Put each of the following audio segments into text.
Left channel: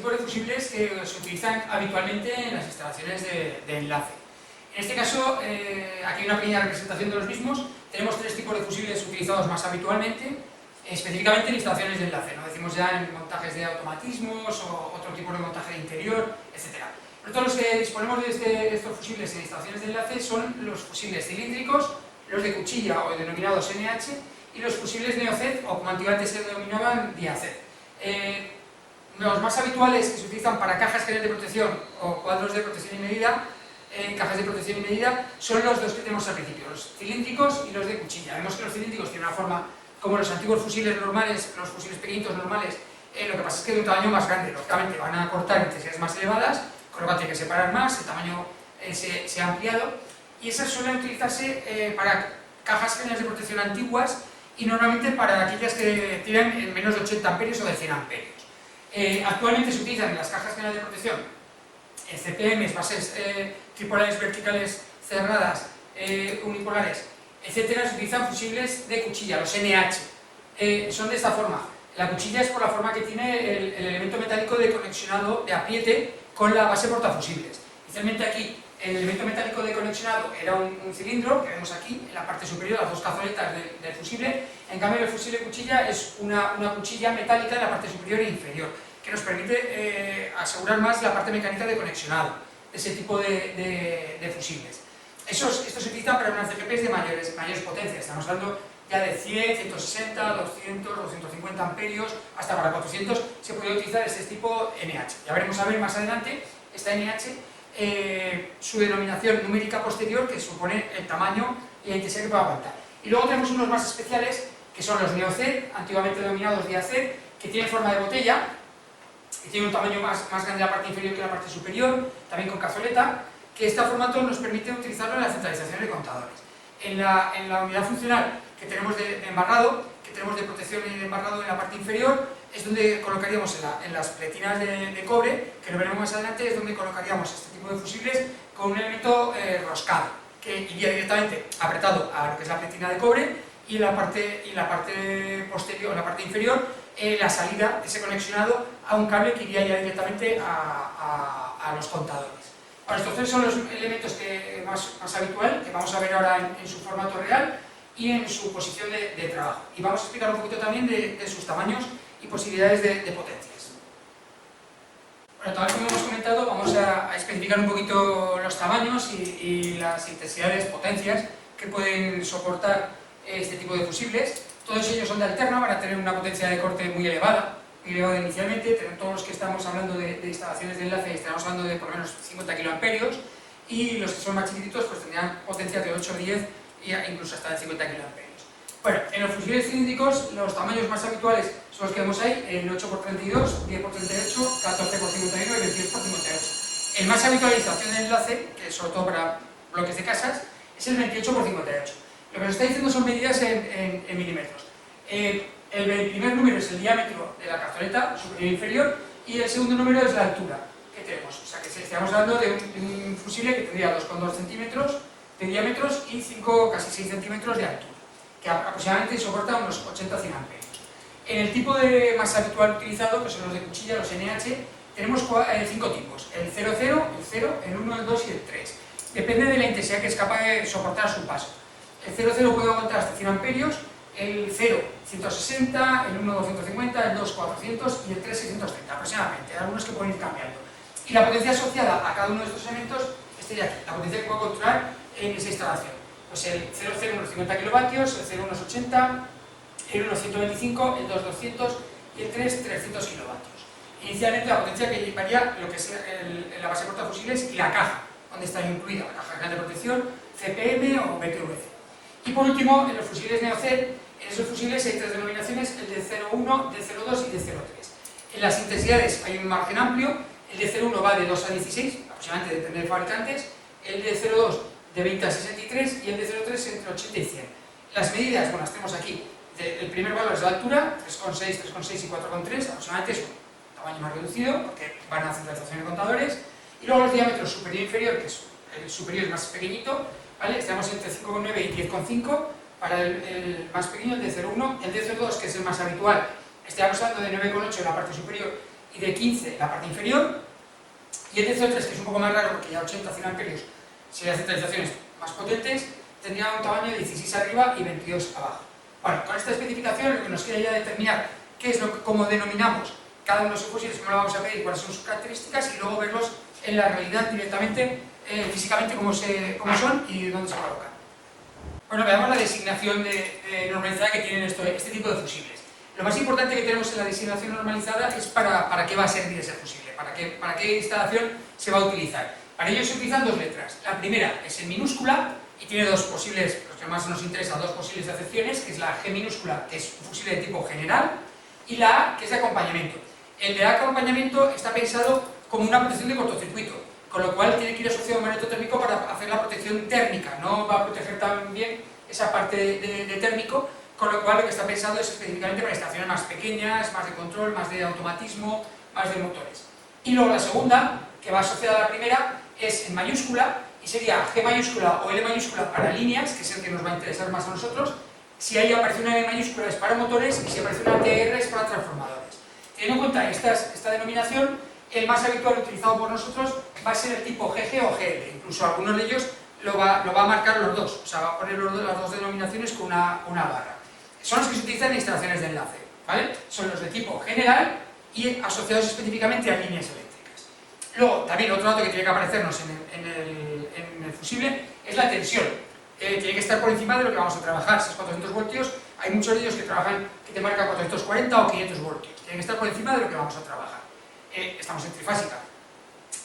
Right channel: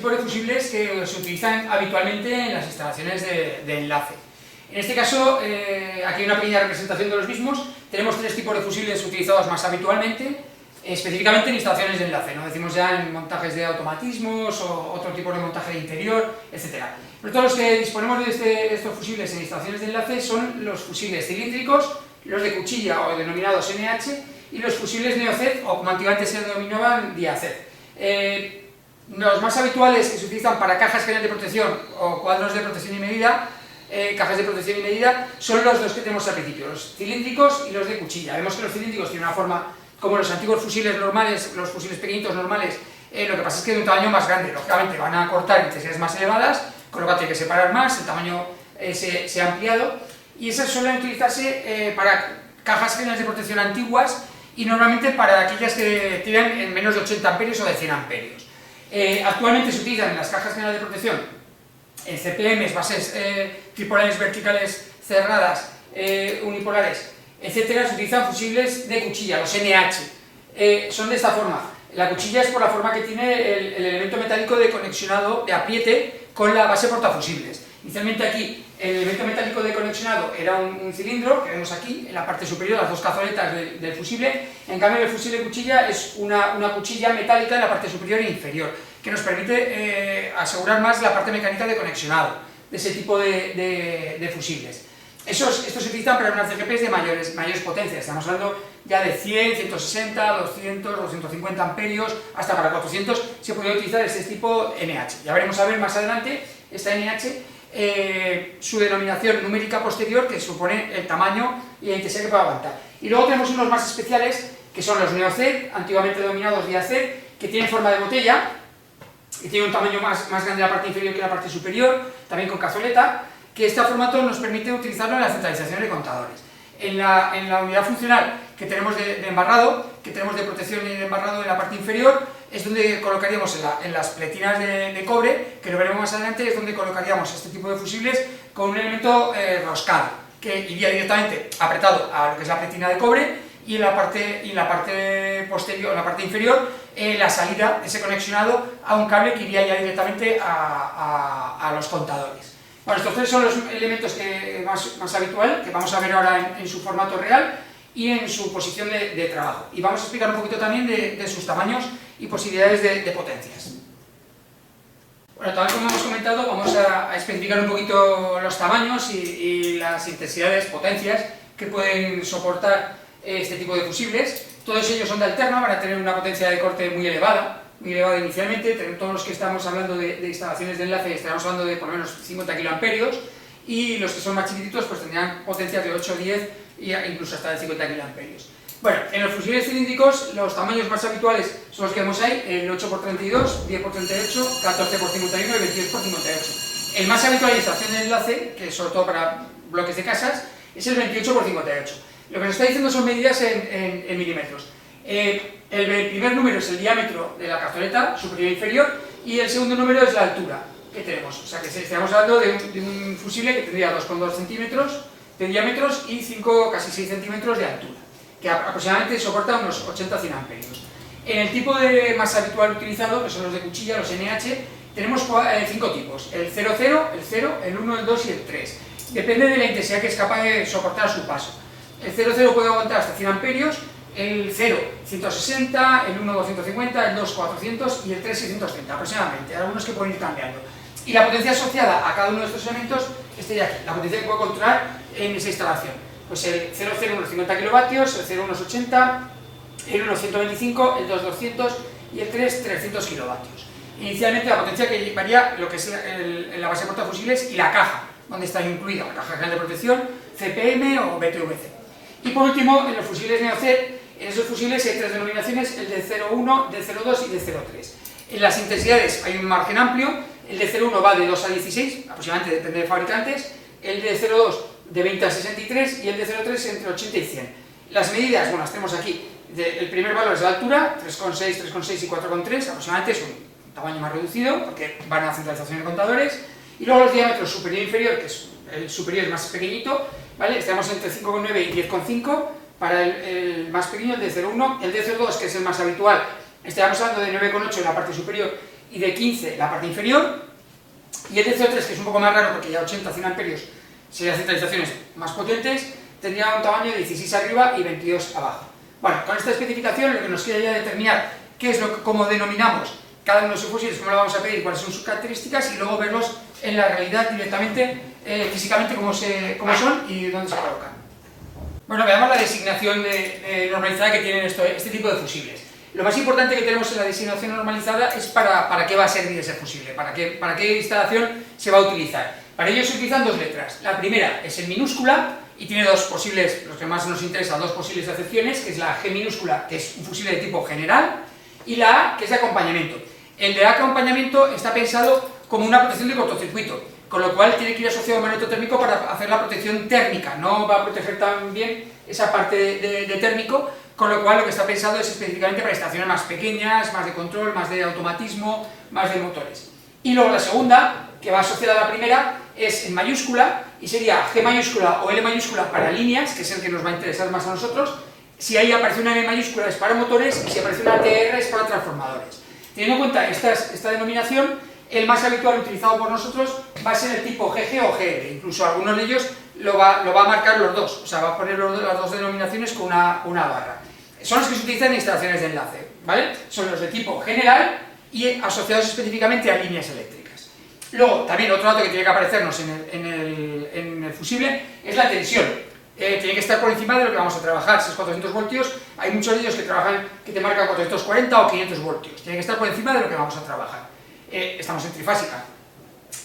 tipos de fusibles que se utilizan habitualmente en las instalaciones de enlace. En este caso, aquí hay una pequeña representación de los mismos. Tenemos tres tipos de fusibles utilizados más habitualmente, específicamente en instalaciones de enlace, no decimos ya en montajes de automatismos o otro tipo de montaje de interior, etc. Pero todos los que disponemos de estos fusibles en instalaciones de enlace son los fusibles cilíndricos, los de cuchilla o denominados NH, y los fusibles NeoZ, o como antiguamente se denominaban, DIAZ. Los más habituales que se utilizan para cajas generales de protección o cuadros de protección y medida, cajas de protección y medida, son los dos que tenemos al principio, los cilíndricos y los de cuchilla. Vemos que los cilíndricos tienen una forma como los antiguos fusiles normales, los fusiles pequeñitos normales, lo que pasa es que de un tamaño más grande, lógicamente van a cortar intensidades más elevadas, con lo cual tiene que separar más, el tamaño se ha ampliado, y esas suelen utilizarse para cajas generales de protección antiguas y normalmente para aquellas que tiran en menos de 80 amperios o de 100 amperios. Actualmente se utilizan en las cajas generales de protección en CPMs, bases tripolares verticales cerradas, unipolares, etcétera. Se utilizan fusibles de cuchilla, los NH. Son de esta forma. La cuchilla es por la forma que tiene el elemento metálico de conexionado, de apriete, con la base portafusibles. Inicialmente aquí el elemento metálico de conexionado era un cilindro, que vemos aquí, en la parte superior, las dos cazoletas del fusible. En cambio el fusible de cuchilla es una cuchilla metálica en la parte superior e inferior, que nos permite asegurar más la parte mecánica de conexionado de ese tipo de fusibles. Estos se utilizan para unas CGPs de mayores potencias, estamos hablando ya de 100, 160, 200, 250 amperios, hasta para 400 se puede utilizar este tipo NH. Ya veremos a ver más adelante esta NH, su denominación numérica posterior, que supone el tamaño y la intensidad que puede aguantar. Y luego tenemos unos más especiales, que son los NeoZ, antiguamente denominados DIAZ, que tienen forma de botella y tienen un tamaño más grande en la parte inferior que en la parte superior, también con cazoleta, que este formato nos permite utilizarlo en la centralización de contadores. En la unidad funcional que tenemos de embarrado, que tenemos de protección y de embarrado en la parte inferior, es donde colocaríamos en las pletinas de cobre, que lo veremos más adelante, es donde colocaríamos este tipo de fusibles con un elemento roscado, que iría directamente apretado a lo que es la pletina de cobre, y en la parte posterior, la parte inferior, la salida de ese conexionado a un cable que iría ya directamente a los contadores. Bueno, estos tres son los elementos más habitual, que vamos a ver ahora en su formato real y en su posición de trabajo. Y vamos a explicar un poquito también de sus tamaños y posibilidades de potencias. Bueno, tal como hemos comentado, vamos a especificar un poquito los tamaños y las intensidades, potencias que pueden soportar este tipo de fusibles. Todos ellos son de alterna, van a tener una potencia de corte muy elevada inicialmente. Todos los que estamos hablando de instalaciones de enlace estaremos hablando de por lo menos 50 kiloamperios, y los que son más chiquititos pues tendrán potencias de 8, 10 e incluso hasta de 50 kiloamperios. Bueno, en los fusibles cilíndricos los tamaños más habituales son los que vemos ahí, el 8x32, 10x38, 14x51 y 22x58. El más habitual en instalación de enlace, que es sobre todo para bloques de casas, es el 28x58. Lo que nos está diciendo son medidas en milímetros. El primer número es el diámetro de la cazoleta, superior e inferior, y el segundo número es la altura que tenemos. O sea que estamos hablando de un fusible que tendría 2,2 centímetros de diámetros y casi 6 centímetros de altura, que aproximadamente soporta unos 80-100 amperios. En el tipo más habitual utilizado, que son los de cuchilla, los NH, tenemos 5 tipos: el 00, el 0, el 1, el 2 y el 3. Depende de la intensidad que es capaz de soportar a su paso. El 00 puede aguantar hasta 100 amperios, el 0 160, el 1 250, el 2 400 y el 3 630 aproximadamente, algunos que pueden ir cambiando. Y la potencia asociada a cada uno de estos elementos estaría aquí, la potencia que puedo controlar en esa instalación. Pues el 00 unos 50 kilovatios, el 0 unos 80, el 1 125, el 2 200 y el 3 300 kilovatios. Inicialmente la potencia que llevaría lo que es la base portafusibles y la caja, donde está incluida la caja general de protección, CPM o BTVC. Y por último, en los fusibles NeoZ, en esos fusibles hay tres denominaciones, el de 0,1, del 0,2 y del 0,3. En las intensidades hay un margen amplio, el de 0,1 va de 2 a 16, aproximadamente depende de fabricantes, el de 0,2 de 20 a 63 y el de 0,3 entre 80 y 100. Las medidas, bueno, las tenemos aquí. El primer valor es la altura, 3,6, 3,6 y 4,3, aproximadamente es un tamaño más reducido porque van a centralización de contadores. Y luego los diámetros superior e inferior, que es el superior es más pequeñito, ¿vale? Estamos entre 5,9 y 10,5 para el más pequeño, el de 0,1, el de 0,2, que es el más habitual, estamos hablando de 9,8 en la parte superior y de 15 la parte inferior, y el de CO3, que es un poco más raro porque ya 80-100 amperios serían centralizaciones más potentes, tendría un tamaño de 16 arriba y 22 abajo. Bueno, con esta especificación lo que nos queda ya determinar qué es cómo denominamos cada uno de sus fusibles, cómo lo vamos a pedir, cuáles son sus características, y luego verlos en la realidad directamente, físicamente cómo son y dónde se colocan. Bueno, veamos la designación de normalizada que tienen este tipo de fusibles. Lo más importante que tenemos en la designación normalizada es para qué va a servir ese fusible, para qué instalación se va a utilizar. Para ello se utilizan dos letras. La primera es en minúscula y tiene dos posibles, los que más nos interesa, dos posibles acepciones, que es la G minúscula, que es un fusible de tipo general, y la A, que es de acompañamiento. El de acompañamiento está pensado como una protección de cortocircuito, con lo cual tiene que ir asociado a un magneto térmico para hacer la protección térmica, no va a proteger tan bien esa parte de térmico, con lo cual lo que está pensado es específicamente para instalaciones más pequeñas, más de control, más de automatismo, más de motores. Y luego la segunda, que va asociada a la primera, es en mayúscula, y sería G mayúscula o L mayúscula para líneas, que es el que nos va a interesar más a nosotros. Si ahí aparece una M mayúscula es para motores, y si aparece una TR es para transformadores. Teniendo en cuenta esta denominación, el más habitual utilizado por nosotros va a ser el tipo GG o GL, incluso algunos de ellos lo va a marcar los dos, o sea, va a poner las dos denominaciones con una barra. Son los que se utilizan en instalaciones de enlace, ¿vale? Son los de tipo general y asociados específicamente a líneas eléctricas. Luego, también otro dato que tiene que aparecernos en el fusible es la tensión. Tiene que estar por encima de lo que vamos a trabajar. Si es 400 voltios, hay muchos de ellos que te marcan 440 o 500 voltios. Tiene que estar por encima de lo que vamos a trabajar. Estamos en trifásica.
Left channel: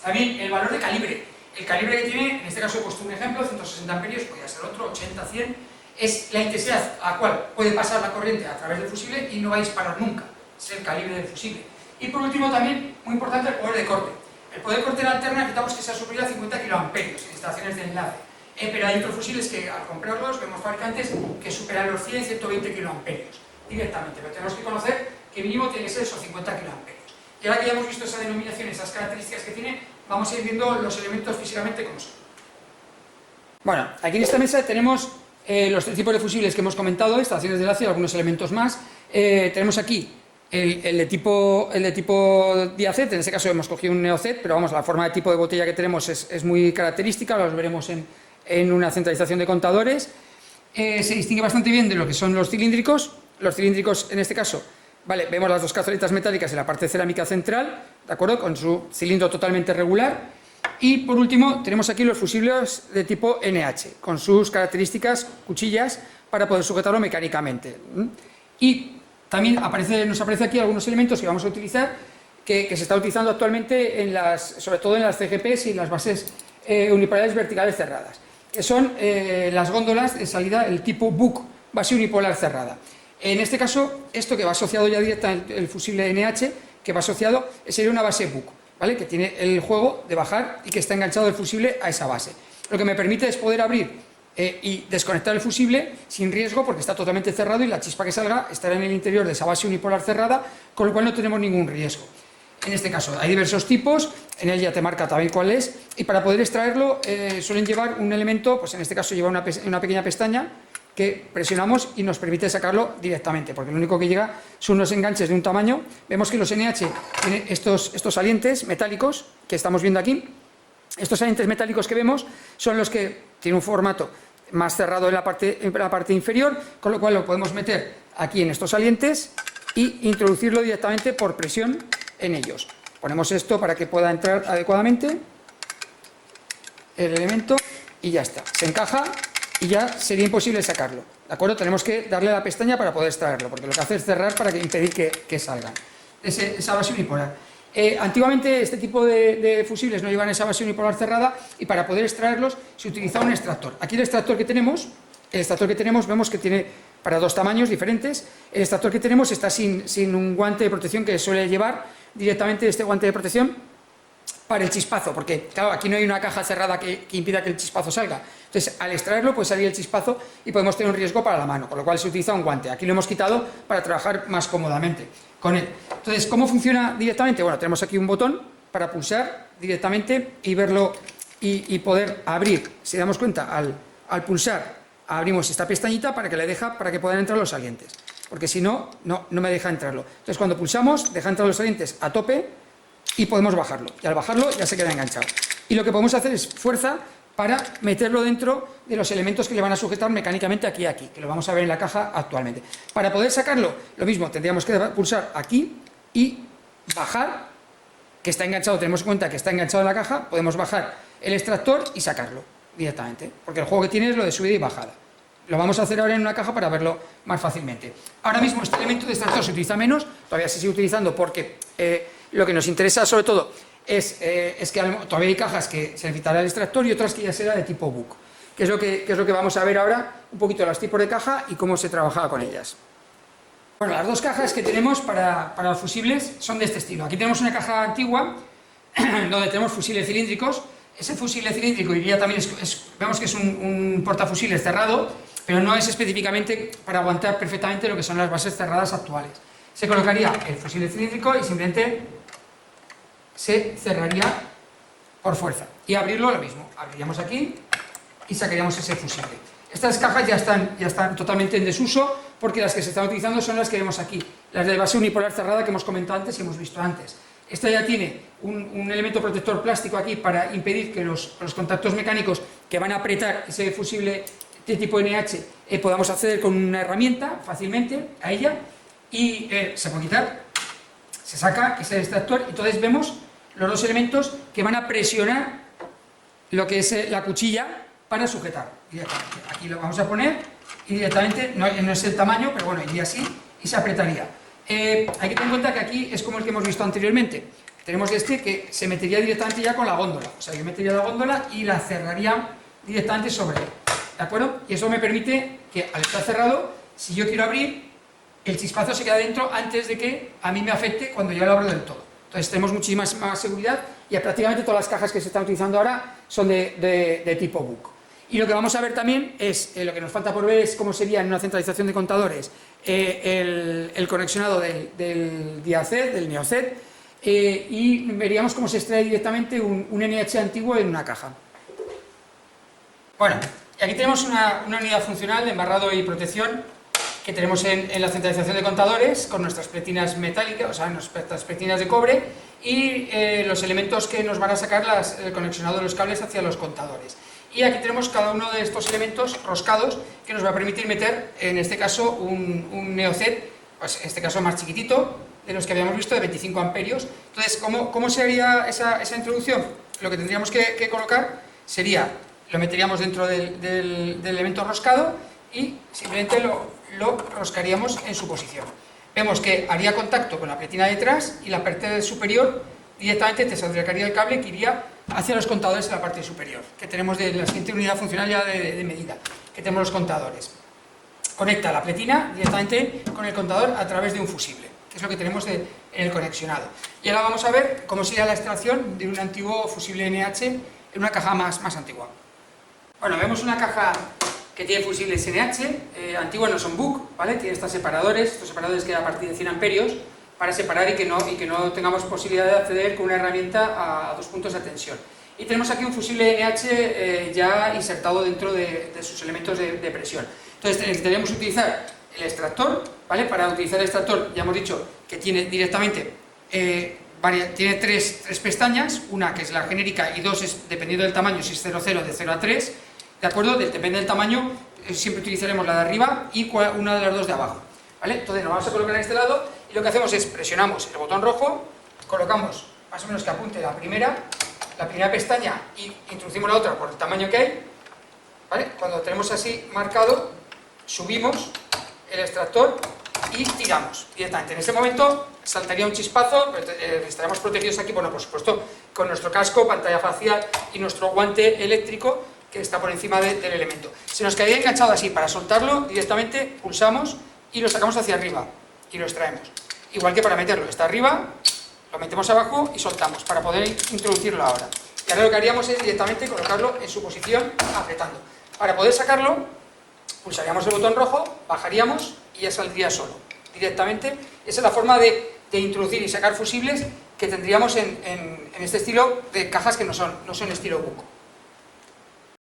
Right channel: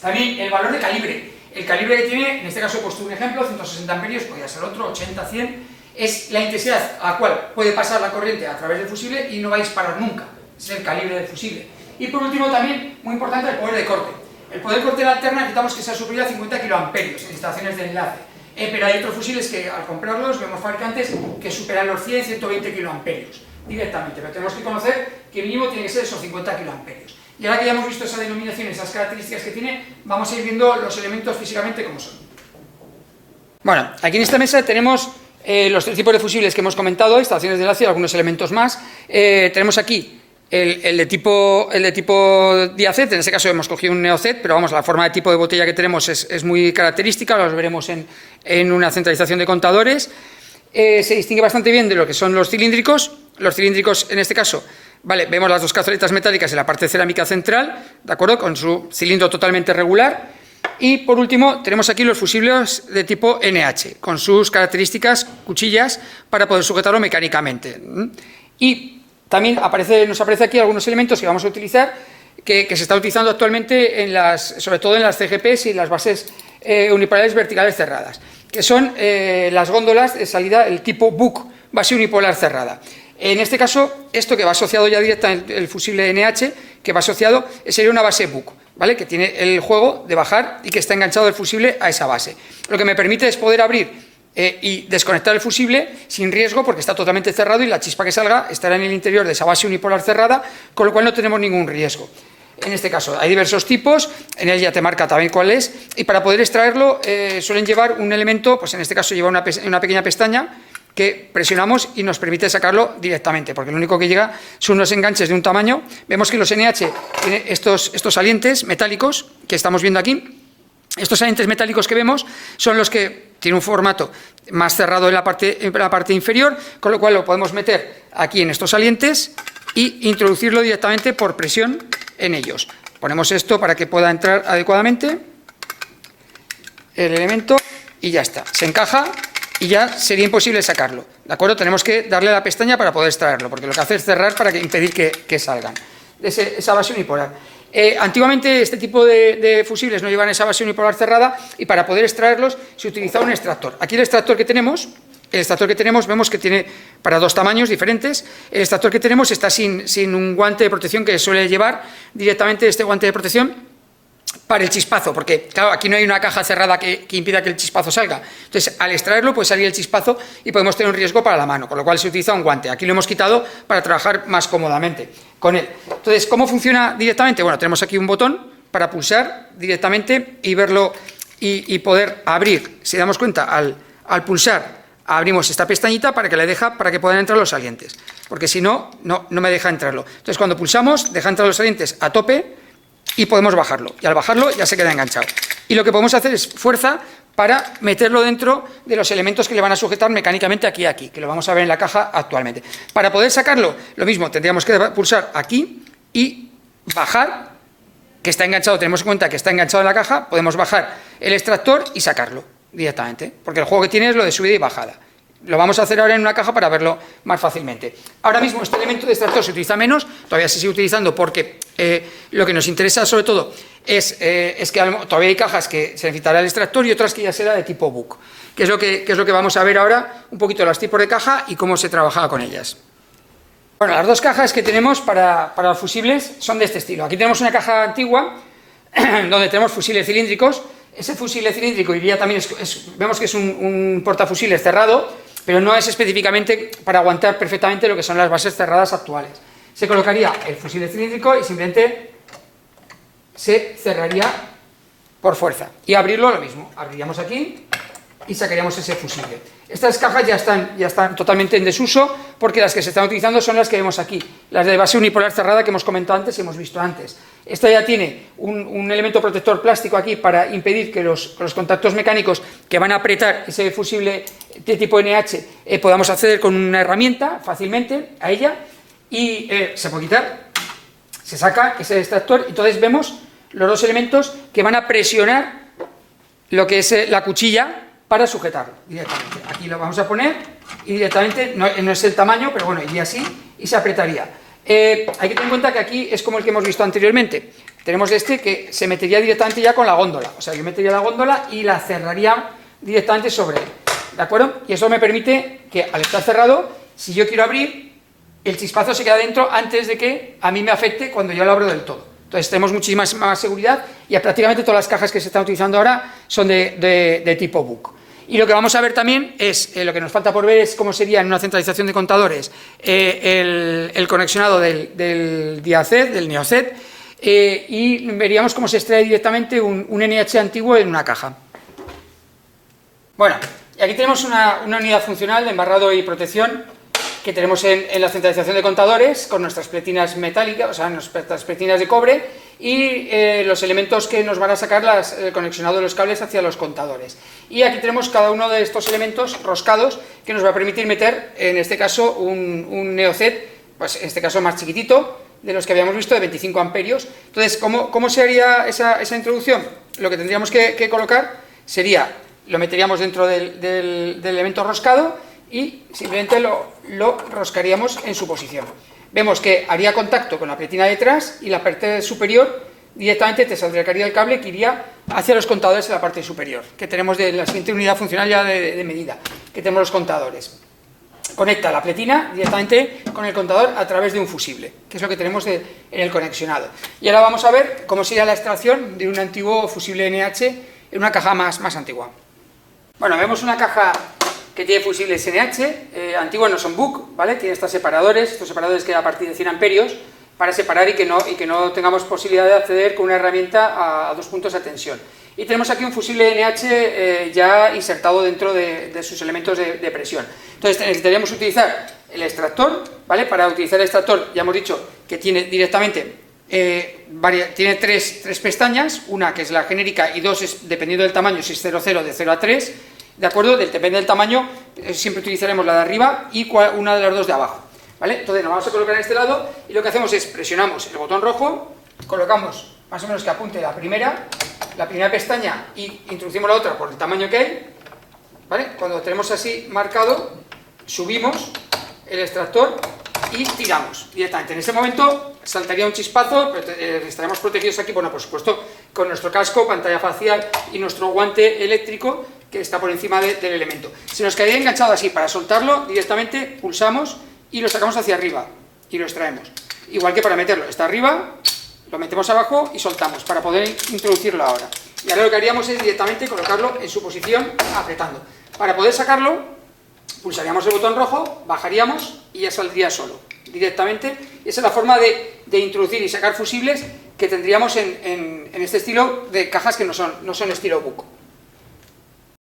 También el valor de calibre. El calibre que tiene, en este caso he puesto un ejemplo, 160 amperios, podría ser otro, 80, 100, es la intensidad a la cual puede pasar la corriente a través del fusible y no va a disparar nunca. Ese es el calibre del fusible. Y por último también, muy importante, el poder de corte. El poder de corte de la alterna necesitamos que sea superior a 50 kiloamperios en instalaciones de enlace. Pero hay otros fusibles que al comprarlos vemos fabricantes que superan los 100, 120 kiloamperios directamente, pero tenemos que conocer que mínimo tiene que ser esos 50 kiloamperios. Y ahora que ya hemos visto esa denominación, esas características que tiene, vamos a ir viendo los elementos físicamente como son. Bueno, aquí en esta mesa tenemos los tres tipos de fusibles que hemos comentado, instalaciones de enlace y algunos elementos más. Tenemos aquí el de tipo diacet, en este caso hemos cogido un neocet, pero vamos, la forma de tipo de botella que tenemos es muy característica, los veremos en una centralización de contadores. Se distingue bastante bien de lo que son los cilíndricos. Los cilíndricos, en este caso, vale, vemos las dos cazoletas metálicas en la parte cerámica central, ¿de acuerdo?, con su cilindro totalmente regular. Y por último tenemos aquí los fusibles de tipo NH, con sus características cuchillas para poder sujetarlo mecánicamente. Y también nos aparece aquí algunos elementos que vamos a utilizar, que se están utilizando actualmente, sobre todo en las CGPs y las bases unipolares verticales cerradas, que son las góndolas de salida, el tipo BUC, base unipolar cerrada. En este caso, esto que va asociado ya directamente, el fusible NH, que va asociado, sería una base BUC, ¿vale?, que tiene el juego de bajar y que está enganchado el fusible a esa base. Lo que me permite es poder abrir y desconectar el fusible sin riesgo, porque está totalmente cerrado y la chispa que salga estará en el interior de esa base unipolar cerrada, con lo cual no tenemos ningún riesgo. En este caso hay diversos tipos, en él ya te marca también cuál es, y para poder extraerlo suelen llevar un elemento, pues en este caso lleva una pequeña pestaña que presionamos y nos permite sacarlo directamente, porque lo único que llega son unos enganches de un tamaño. Vemos que los NH tienen estos salientes metálicos que estamos viendo aquí. Estos salientes metálicos que vemos son los que tienen un formato más cerrado en la parte inferior, con lo cual lo podemos meter aquí en estos salientes y introducirlo directamente por presión en ellos. Ponemos esto para que pueda entrar adecuadamente el elemento y ya está, se encaja y ya sería imposible sacarlo, ¿de acuerdo? Tenemos que darle a la pestaña para poder extraerlo, porque lo que hace es cerrar para impedir que salgan de esa base unipolar. Antiguamente este tipo de fusibles no llevan esa base unipolar cerrada y para poder extraerlos se utilizaba un extractor. Aquí el extractor que tenemos vemos que tiene para dos tamaños diferentes. El extractor que tenemos está sin un guante de protección que suele llevar directamente este guante de protección para el chispazo, porque claro, aquí no hay una caja cerrada que impida que el chispazo salga. Entonces, al extraerlo puede salir el chispazo y podemos tener un riesgo para la mano, con lo cual se utiliza un guante. Aquí lo hemos quitado para trabajar más cómodamente con él. Entonces, ¿cómo funciona directamente? Bueno, tenemos aquí un botón para pulsar directamente y verlo y poder abrir. Si damos cuenta, al pulsar abrimos esta pestañita para que puedan entrar los salientes. porque si no, no me deja entrarlo. Entonces cuando pulsamos, deja entrar los salientes a tope y podemos bajarlo. Y al bajarlo ya se queda enganchado. Y lo que podemos hacer es fuerza para meterlo dentro de los elementos que le van a sujetar mecánicamente aquí y aquí, que lo vamos a ver en la caja actualmente. Para poder sacarlo, lo mismo, tendríamos que pulsar aquí y bajar, que está enganchado, tenemos en cuenta que está enganchado en la caja, podemos bajar el extractor y sacarlo directamente, porque el juego que tiene es lo de subida y bajada. Lo vamos a hacer ahora en una caja para verlo más fácilmente. Ahora mismo este elemento de extractor se utiliza menos, todavía se sigue utilizando porque lo que nos interesa sobre todo es que todavía hay cajas que se necesitará el extractor y otras que ya será de tipo book, que es lo que vamos a ver ahora, un poquito los tipos de caja y cómo se trabaja con ellas. Bueno, las dos cajas que tenemos para los fusibles son de este estilo. Aquí tenemos una caja antigua donde tenemos fusiles cilíndricos. Ese fusible cilíndrico iría también, vemos que es un portafusiles cerrado, pero no es específicamente para aguantar perfectamente lo que son las bases cerradas actuales. Se colocaría el fusible cilíndrico y simplemente se cerraría por fuerza. Y abrirlo lo mismo, abriríamos aquí y sacaríamos ese fusible. Estas cajas ya están totalmente en desuso porque las que se están utilizando son las que vemos aquí, las de base unipolar cerrada que hemos comentado antes y hemos visto antes. Esta ya tiene un elemento protector plástico aquí para impedir que los contactos mecánicos que van a apretar ese fusible de tipo NH podamos acceder con una herramienta fácilmente a ella y se puede quitar, se saca ese extractor y entonces vemos los dos elementos que van a presionar lo que es la cuchilla para sujetarlo directamente. Aquí lo vamos a poner y directamente, no es el tamaño, pero bueno, iría así y se apretaría. Hay que tener en cuenta que aquí es como el que hemos visto anteriormente. Tenemos este que se metería directamente ya con la góndola. O sea, yo metería la góndola y la cerraría directamente sobre él. ¿De acuerdo? Y eso me permite que al estar cerrado, si yo quiero abrir, el chispazo se queda dentro antes de que a mí me afecte cuando yo lo abro del todo. Entonces tenemos muchísima más seguridad y prácticamente todas las cajas que se están utilizando ahora son de tipo book. Y lo que vamos a ver también es, lo que nos falta por ver es cómo sería en una centralización de contadores el conexionado del DIACED, del NeoCED, y veríamos cómo se extrae directamente un NH antiguo en una caja. Bueno, y aquí tenemos una unidad funcional de embarrado y protección que tenemos en la centralización de contadores con nuestras pletinas metálicas, o sea, nuestras pletinas de cobre y los elementos que nos van a sacar el conexionado de los cables hacia los contadores. Y aquí tenemos cada uno de estos elementos roscados que nos va a permitir meter, en este caso, un NeoCED, pues en este caso más chiquitito, de los que habíamos visto, de 25 amperios. Entonces, ¿cómo se haría esa introducción? Lo que tendríamos que colocar sería, lo meteríamos dentro del elemento roscado y simplemente lo roscaríamos en su posición. Vemos que haría contacto con la pletina detrás y la parte superior directamente te acercaría el cable que iría hacia los contadores en la parte superior, que tenemos de la siguiente unidad funcional ya de medida, que tenemos los contadores. Conecta la pletina directamente con el contador a través de un fusible, que es lo que tenemos en el conexionado. Y ahora vamos a ver cómo sería la extracción de un antiguo fusible NH en una caja más antigua. Bueno, vemos una caja que tiene fusibles NH, antiguos no son book, ¿vale? Tiene estos separadores que a partir de 100 amperios para separar y que no tengamos posibilidad de acceder con una herramienta a 2 puntos de tensión. Y tenemos aquí un fusible NH ya insertado dentro de sus elementos de presión. Entonces necesitaríamos utilizar el extractor, ¿vale? Para utilizar el extractor ya hemos dicho que tiene directamente tiene tres pestañas, una que es la genérica y dos es, dependiendo del tamaño, si es 0,0 de 0 a 3, ¿de acuerdo? Depende del tamaño, siempre utilizaremos la de arriba y una de las dos de abajo, ¿vale? Entonces nos vamos a colocar en este lado y lo que hacemos es presionamos el botón rojo, colocamos más o menos que apunte la primera pestaña y introducimos la otra por el tamaño que hay, ¿vale? Cuando tenemos así marcado, subimos el extractor y tiramos directamente. En ese momento saltaría un chispazo, pero estaremos protegidos aquí, bueno, por supuesto, con nuestro casco, pantalla facial y nuestro guante eléctrico que está por encima del elemento. Se nos quedaría enganchado así, para soltarlo directamente pulsamos y lo sacamos hacia arriba y lo extraemos. Igual que para meterlo, está arriba, lo metemos abajo y soltamos para poder introducirlo ahora. Y ahora lo que haríamos es directamente colocarlo en su posición apretando. Para poder sacarlo, pulsaríamos el botón rojo, bajaríamos y ya saldría solo, directamente. Y esa es la forma de introducir y sacar fusibles que tendríamos en este estilo de cajas que no son estilo book.